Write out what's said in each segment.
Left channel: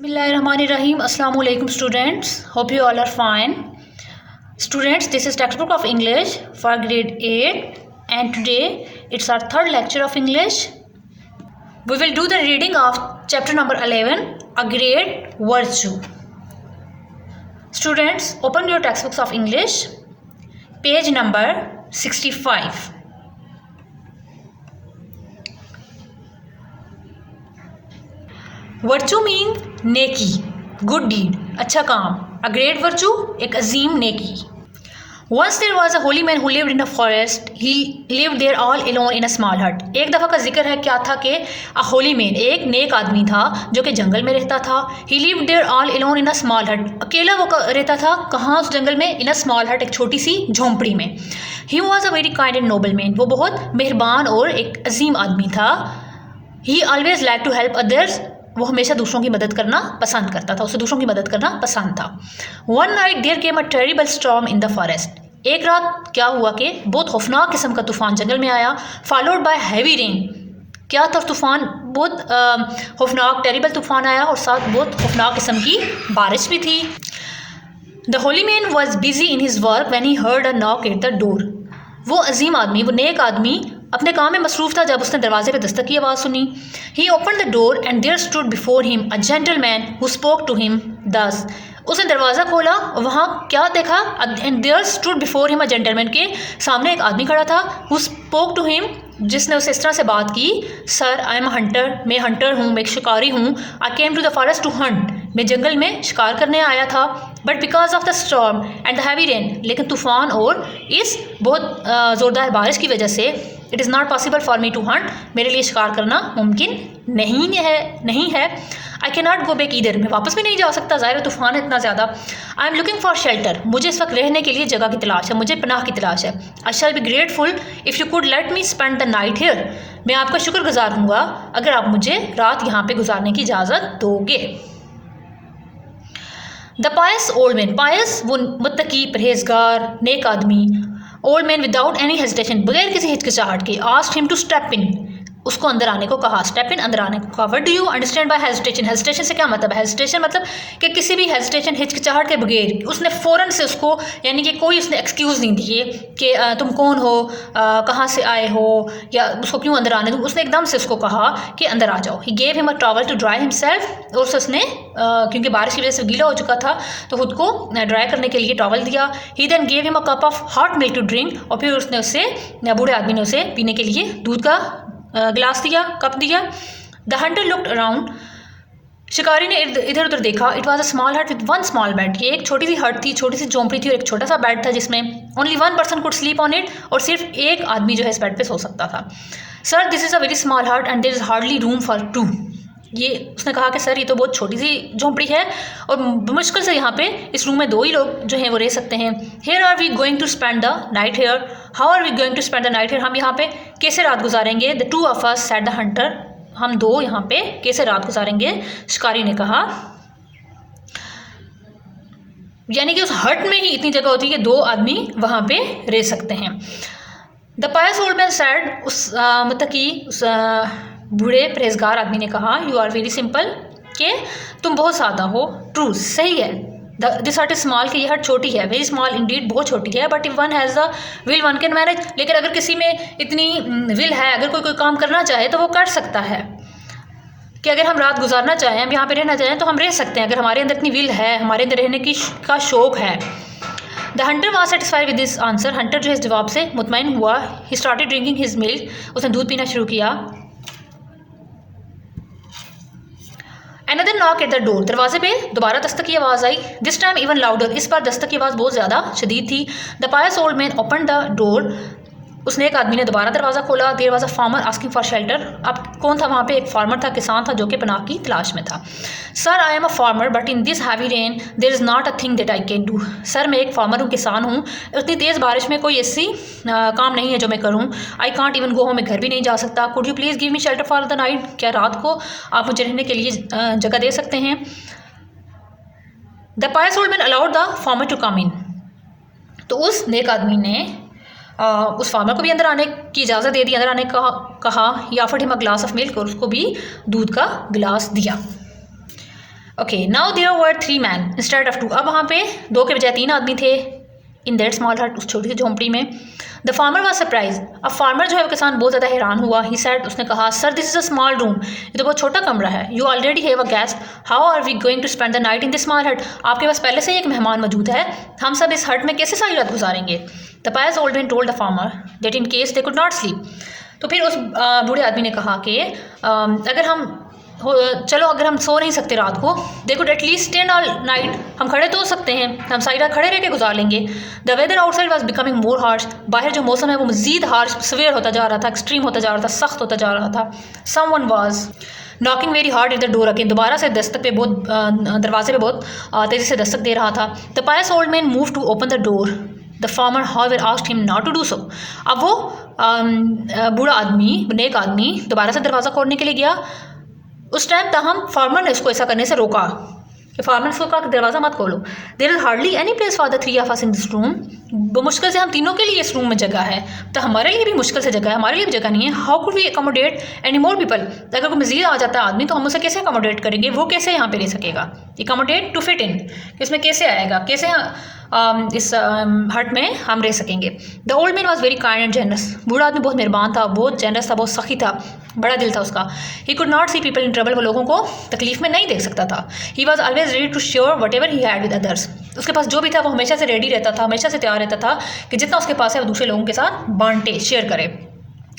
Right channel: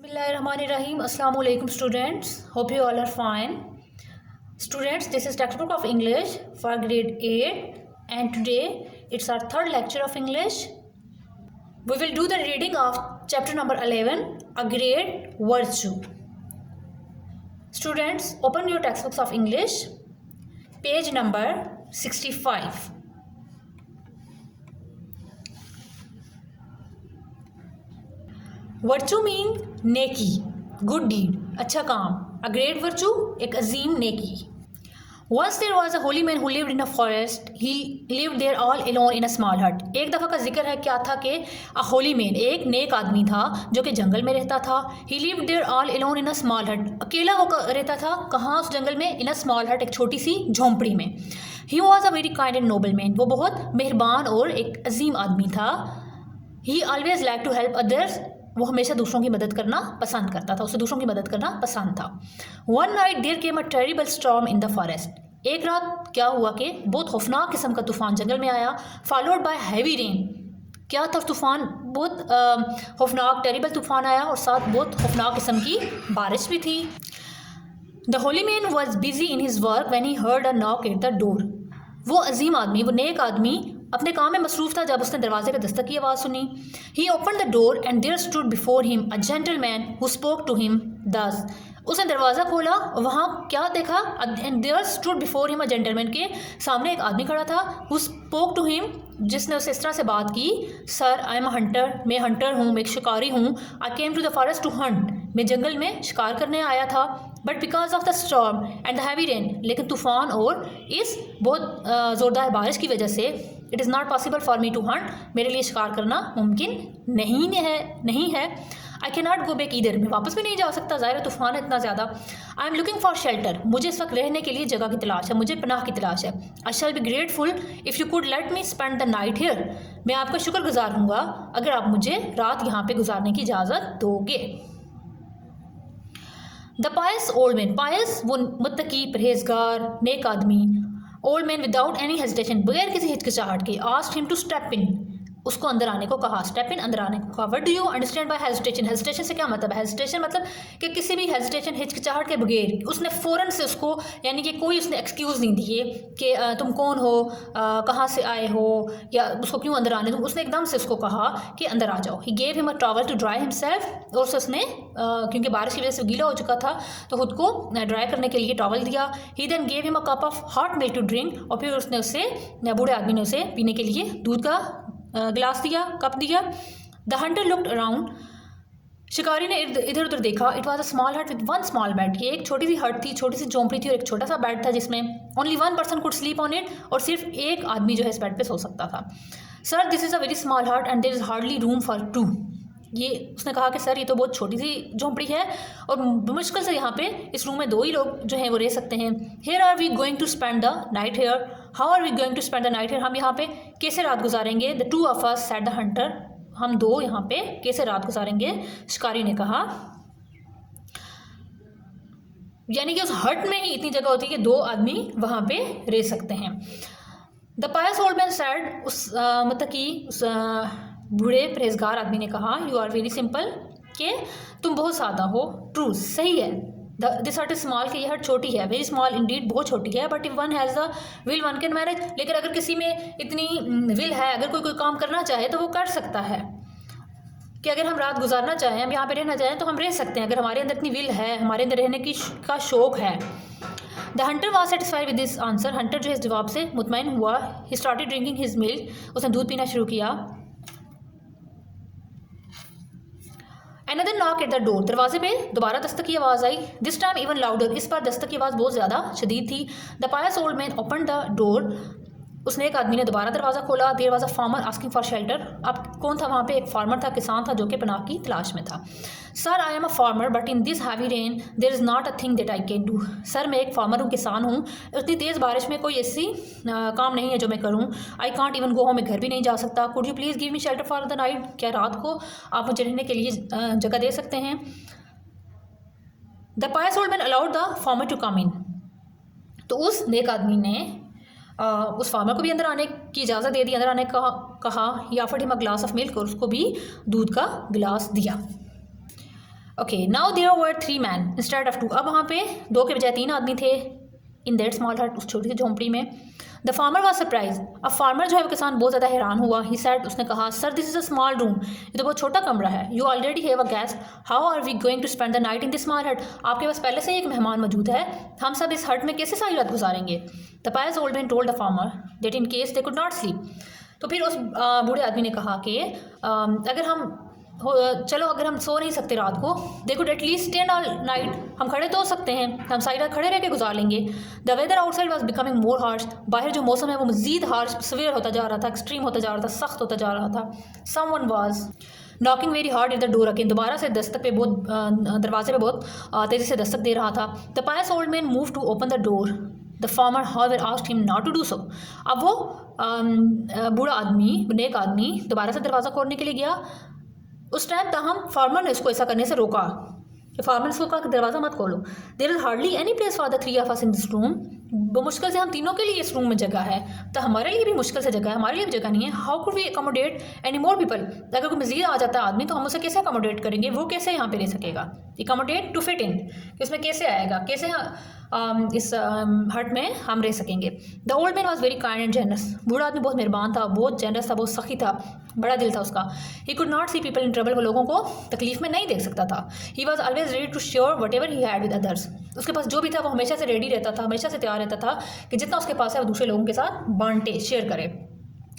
Bismillahirrahmanirrahim. Assalamu alaikum students. Hope you all are fine. Students, this is textbook of English for grade 8 and today it's our third lecture of English. We will do the reading of chapter number 11, A Great Virtue. Students, open your textbooks of English, page number 65. Virtue mean नेकी, good deed, अच्छा काम. A great virtue, एक अजीम नेकी. Once there was a holy man who lived in a forest. He lived there all alone in a small hut. एक दफ़ा का जिक्र है, क्या था कि अ होली मैन, एक नेक आदमी था जो कि जंगल में रहता था. He lived there all alone in a small hut. अकेला वो रहता था कहाँ, उस जंगल में. इन अ स्मॉल हट, एक छोटी सी झोंपड़ी में. He was a very kind and noble man. वो बहुत मेहरबान और एक अजीम आदमी था. He always like to help others. वो हमेशा दूसरों की मदद करना पसंद करता था, उसे दूसरों की मदद करना पसंद था. One night there came a terrible storm in the forest. एक रात क्या हुआ कि बहुत खौफनाक किस्म का तूफ़ान जंगल में आया. Followed by heavy rain. क्या था तूफ़ान? बहुत खौफनाक टेरिबल तूफ़ान आया और साथ बहुत खौफनाक किस्म की बारिश भी थी. The holy man was busy in his work when he heard a knock at the door. वो अजीम आदमी, वो नेक आदमी अपने काम में मसरूफ़ था जब उसने दरवाजे पे दस्तक की आवाज़ सुनी. He open the door and there stood before him a gentleman who spoke to him thus. उसने दरवाज़ा खोला और वहाँ क्या देखा? And there stood before him a gentleman, के सामने एक आदमी खड़ा था. हु स्पोक टू हिम, जिसने उसे इस तरह से बात की. Sir, I am a hunter. मैं हंटर हूँ, मैं एक शिकारी हूँ. I came to the forest to hunt. मैं जंगल में शिकार करने आया था. But because of the storm and the heavy rain, लेकिन तूफ़ान और इस बहुत ज़ोरदार बारिश की वजह से it is not possible for me to hunt. मेरे लिए शिकार करना मुमकिन नहीं है. I can not go back either. मैं वापस भी नहीं जा सकता, ज़ाहिर तूफ़ान है इतना ज़्यादा. I am looking for shelter. मुझे इस वक्त रहने के लिए जगह की तलाश है, मुझे पनाह की तलाश है. I shall be grateful if you could let me spend the night here. मैं आपका शुक्रगुजार हूँगा अगर आप मुझे रात यहाँ पे गुजारने की इजाज़त दोगे. The pious old man. Pious वो मुत्तकी, परहेजगार, नेक आदमी. Old man without any hesitation, बगैर किसी हिचकिचाहट के, asked him to step in. उसको अंदर आने को कहा. स्टेप इन, अंदर आने को कहा. What do you understand by hesitation? Hesitation से क्या मतलब है? हेजिटेशन मतलब कि किसी भी हेजिटेशन, हिचकिचाहट के बगैर उसने फ़ौरन से उसको, यानी कि कोई उसने एक्सक्यूज़ नहीं दिए कि तुम कौन हो, कहाँ से आए हो, या उसको क्यों अंदर आने दूँ. उसने एकदम से उसको कहा कि अंदर आ जाओ. He gave him a towel to dry himself. और उसने क्योंकि बारिश की वजह से गीला हो चुका था तो खुद को ड्राई करने के लिए टॉवल दिया. He then gave him a cup of hot milk to drink. और फिर उसने उसे, बूढ़े आदमी ने उसे पीने के लिए दूध का गिलास दिया, कप दिया. The Hunter looked around. शिकारी ने इधर उधर देखा. इट वॉज अ स्मॉल हट विद वन स्मॉल बेड. ये एक छोटी सी हट थी, छोटी सी झोंपड़ी थी और एक छोटा सा बेड था जिसमें only one person could sleep on it. और सिर्फ एक आदमी जो है इस बेड पे सो सकता था. Sir, this is a very small hut and there is hardly room for two. ये उसने कहा कि सर, ये तो बहुत छोटी सी झोंपड़ी है और मुश्किल से यहाँ पे इस रूम में दो ही लोग जो हैं वो रह सकते हैं. Here are we going to spend the night here. How are we going to spend the night here. हम यहाँ पे कैसे रात गुजारेंगे? The two of us said the hunter. हम दो यहाँ पे कैसे रात गुजारेंगे? शिकारी ने कहा. यानी कि उस हट में ही इतनी जगह होती है कि दो आदमी वहाँ पे रह सकते हैं. The pious old man said. उस मतलब कि उस बूढ़े परहेजगार आदमी ने कहा. यू आर वेरी सिंपल, कि तुम बहुत सादा हो. ट्रू, सही है. दिस हट इज स्मॉल, कि यह हट छोटी है. वेरी स्मॉल इंडीड, बहुत छोटी है. But if one has the will one can manage. लेकिन अगर किसी में इतनी विल है, अगर कोई काम करना चाहे तो वो कर सकता है. कि अगर हम रात गुजारना चाहें, हम यहाँ पे रहना चाहें तो हम रह सकते हैं. अगर हमारे अंदर इतनी विल है, हमारे अंदर रहने का शौक़ है. The hunter was satisfied with this answer. Hunter जो इस जवाब से मुतमईन हुआ. He started drinking his milk. उसने दूध पीना शुरू किया. Another knock at the door. दरवाजे पे दोबारा दस्तक की आवाज़ आई. This time even louder. इस बार दस्तक की आवाज़ बहुत ज़्यादा शदीद थी. The pious old man open the door. उसने एक आदमी ने दोबारा दरवाज़ा खोला. There was a farmer asking for shelter. अब कौन था वहाँ पे? एक फार्मर था, किसान था जो कि पनाह की तलाश में था. Sir, I am a farmer but in this heavy rain there is not a thing that I can do. Sir, मैं एक फार्मर हूँ, किसान हूँ. उतनी तेज़ बारिश में कोई ऐसी काम नहीं है जो मैं करूँ. I can't even go home. मैं घर भी नहीं जा सकता. Could you please give me shelter for the night. क्या रात को आप मुझे रहने के लिए जगह दे सकते हैं? The pious old man allowed the farmer to come in. तो उस नेक आदमी ने उस फार्मर को भी अंदर आने की इजाज़त दे दी, अंदर आने का कहा. He offered him a glass of milk. और उसको भी दूध का गिलास दिया. Okay, now there were 3 man instead of 2। अब वहाँ पे 2 के बजाय 3 आदमी थे इन दैट स्मॉल हट, उस छोटी सी झोंपड़ी में। The farmer was surprise. अब फार्मर जो है वो किसान बहुत ज़्यादा हैरान हुआ। ही सेड, उसने कहा, sir this is a small room, ये तो बहुत छोटा कमरा है। You already have a guest, how are we going to spend the night in this small hut. आपके पास पहले से ही एक मेहमान मौजूद है, हम सब इस हट में कैसे सारी रात गुजारेंगे। The pious old man told the farmer that in case they could not sleep. तो फिर उस बूढ़े आदमी ने कहा कि अगर हम अगर हम सो नहीं सकते रात को, they could at least stay all night, हम खड़े तो हो सकते हैं, हम सारी रात खड़े रह के गुजार लेंगे। The weather outside was becoming more harsh. बाहर जो मौसम है वो मज़ीद हार्श, सवेयर होता जा रहा था, एक्सट्रीम होता जा रहा था, सख्त होता जा रहा था। Someone was knocking very hard at the door again. दोबारा से दरवाजे पे बहुत तेज़ी से दस्तक दे रहा था। The pious old man move to open the door, the farmer however asked him not to do so. अब वो बूढ़ा आदमी, नेक आदमी दोबारा से दरवाज़ा खोलने के लिए गया। उस टाइम ताहम फार्मर ने उसको ऐसा करने से रोका कि फार्मर ने उसको कहा कि दरवाज़ा मत खोलो। There is hardly any place for the 3 of us in this room. मुश्किल से हम तीनों के लिए इस रूम में जगह है, तो हमारे लिए भी मुश्किल से जगह है, हमारे लिए भी जगह नहीं है। How could we accommodate any more people. अगर कोई मज़ीद आ जाता है आदमी तो हम उसे कैसे अकोमोडेट करेंगे, वो कैसे यहाँ पे रह सकेगा। अकोमोडेट टू फिट इन, इसमें कैसे आएगा, कैसे इस हट में हम रह सकेंगे। The old man was very kind and generous. बूढ़ा आदमी बहुत मेहरबान था, बहुत जेनरस था, बहुत सखी था, बड़ा दिल था उसका। He could not see people in trouble, वो लोगों को तकलीफ में नहीं देख सकता था। He was always ready to share whatever he had with others. उसके पास जो भी था वो हमेशा से रेडी रहता था, हमेशा से तैयार रहता था कि जितना उसके पास है वो दूसरे लोगों के साथ बांटे, शेयर करे।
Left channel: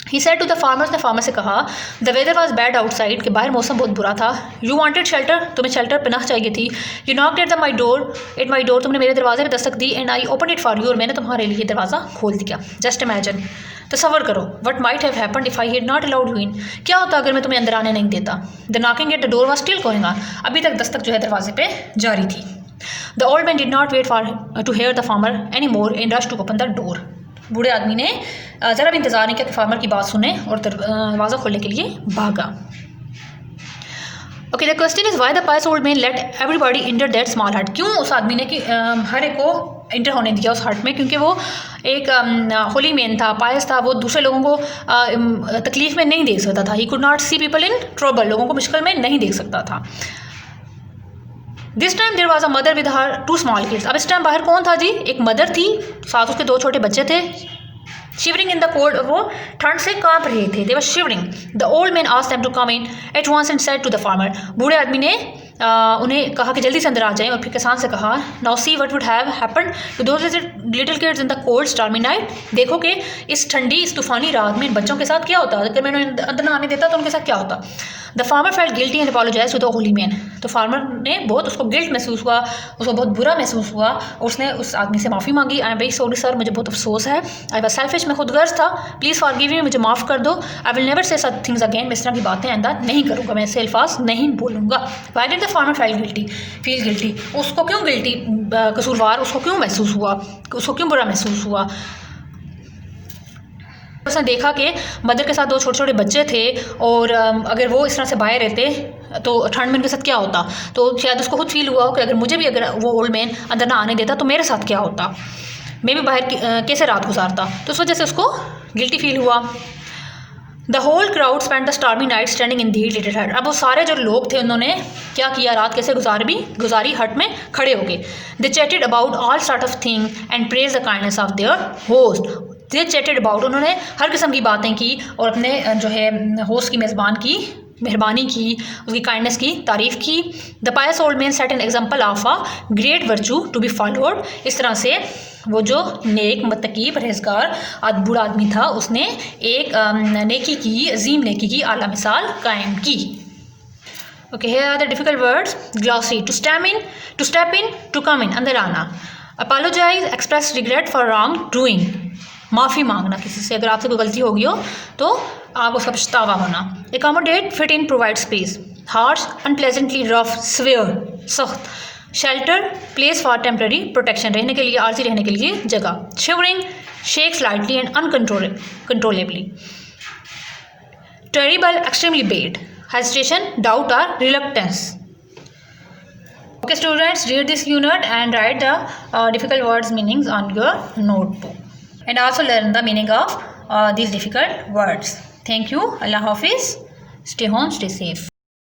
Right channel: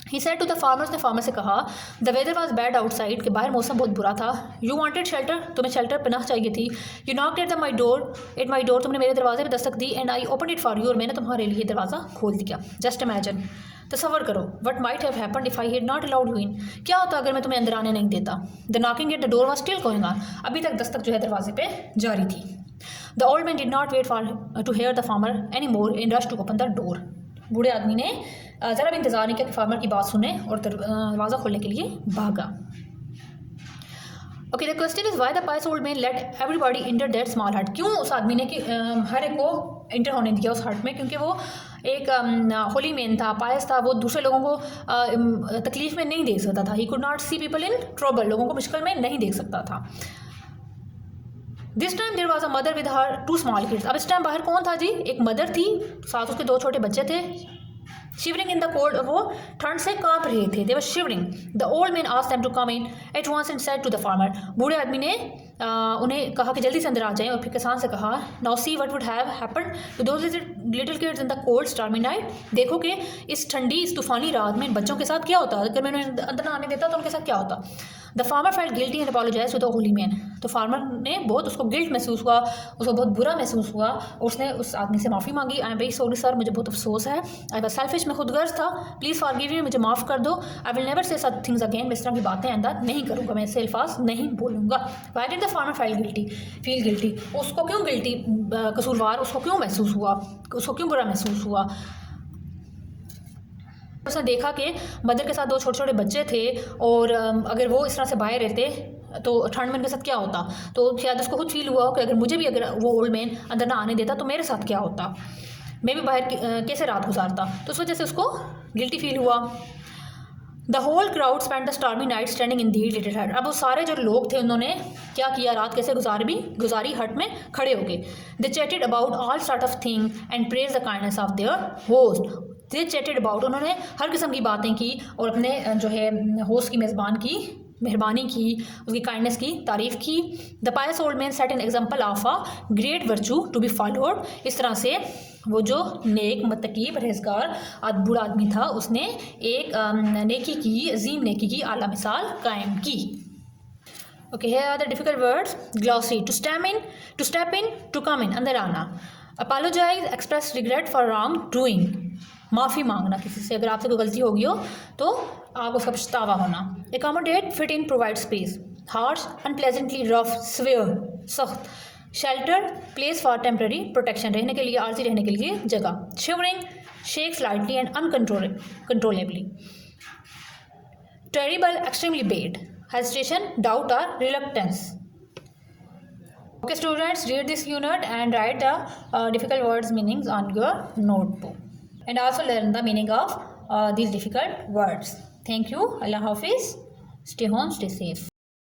He said to the farmers, ने फार्मर से कहा, the weather was bad outside, कि बाहर मौसम बहुत बुरा था। यू वांटेड शेल्टर, तुम्हें शेल्टर पनाह चाहिए थी। You knocked at my door, तुमने मेरे दरवाजे में दस्तक दी। And I open it for you, और मैंने तुम्हारे लिए दरवाज़ा खोल दिया। जस्ट इमेजिन, तसव्वुर करो, what might have happened if I had not allowed you in. क्या होता अगर मैं तुम्हें अंदर आने नहीं देता। The knocking at the door was still going on, अभी तक दस्तक जो है दरवाजे पे जारी थी। The old man did not wait for to hear the farmer any more and rush to open the door. बूढ़े आदमी ने ज़रा भी इंतज़ार नहीं किया कि फार्मर की बात सुने और दरवाज़ा खोलने के लिए भागा। Okay, the question is why the pious old man let everybody enter that small hut. क्यों उस आदमी ने कि हर एक को इंटर होने दिया उस हट में, क्योंकि वो एक होली मैन था, पायस था, वो दूसरे लोगों को तकलीफ़ में नहीं देख सकता था। He could not see people in trouble, लोगों को मुश्किल में नहीं देख सकता था। This time there was a mother with her 2 small kids. अब इस टाइम बाहर कौन था जी, एक मदर थी, साथ उसके 2 छोटे बच्चे थे। शिवरिंग इन द कोल्ड, वो ठंड से कांप रहे थे। They were shivering. The old man asked them to come in at once and said to the farmer. बूढ़े आदमी ने उन्हें कहा कि जल्दी से अंदर आ जाएं, और फिर किसान से कहा, now see what would have happened to those little kids in the cold stormy night. देखो कि इस ठंडी, इस तूफानी रात में इन बच्चों के साथ क्या होता, अगर मैं उन्हें अंदर ना आने देता तो उनके साथ क्या होता। The farmer felt guilty and apologise to the holy man. तो फार्मर ने बहुत, उसको गिल्ट महसूस हुआ, उसको बहुत बुरा महसूस हुआ, उसने उस आदमी से माफ़ी मांगी। I am very sorry sir, मुझे बहुत अफसोस है। आई वाज सेल्फिश, मैं खुद गर्ज था, प्लीज़ फॉरगिव मी, मुझे माफ़ कर दो। I will never say such things again, मैं इस तरह की बातें आइंदा नहीं करूँगा, मैं ऐसे अल्फाज नहीं बोलूँगा। Why did the farmer feel guilty, उसको क्यों गिल्टी, कसूरवार उसको क्यों महसूस हुआ, उसको क्यों बुरा महसूस हुआ। उसने देखा कि मदर के साथ 2 छोटे छोटे बच्चे थे, और अगर वो इस तरह से बाहर रहते तो ठंड में उनके साथ क्या होता। तो शायद उसको खुद फील हुआ कि अगर मुझे भी, अगर वो ओल्ड मैन अंदर ना आने देता तो मेरे साथ क्या होता, मैं भी बाहर कैसे रात गुजारता। तो उस वजह से उसको गिल्टी फील हुआ। The whole crowd spend the stormy night standing in the little hut. अब वो सारे जो लोग थे उन्होंने क्या किया, रात कैसे गुजारी हट में खड़े हो गए। They chatted about all sort of thing and praise the kindness of their host. They chatted about, उन्होंने हर किस्म की बातें की और अपने जो है होस्ट की मेज़बान की मेहरबानी की, उसकी काइंडनेस की तारीफ़ की। The pious old man set an example of a great virtue to be followed. इस तरह से वो जो नेक, मुत्तकी, परहेज़गार बूढ़ा आदमी था, उसने एक नेकी की, अजीम नेकी की आला मिसाल कायम की। Okay, here are the difficult words. Glossy, to step in, to come in, अंदर आना। Apologize, express regret for wrong doing, माफ़ी मांगना किसी से, अगर आपसे कोई गलती हो गई हो तो आप उसका पछतावा होना। Accommodate, fit in, provide space. Harsh, unpleasantly rough, severe, सख्त। Shelter, place for temporary protection, रहने के लिए, आर्जी रहने के लिए जगह। Shivering, shake slightly and uncontrollably. Terrible, extremely bad. Hesitation, doubt or reluctance. Okay students, read this unit and write the difficult words meanings on your notebook, and also learn the meaning of these difficult words. Thank you. Allah Hafiz. Stay home, stay safe.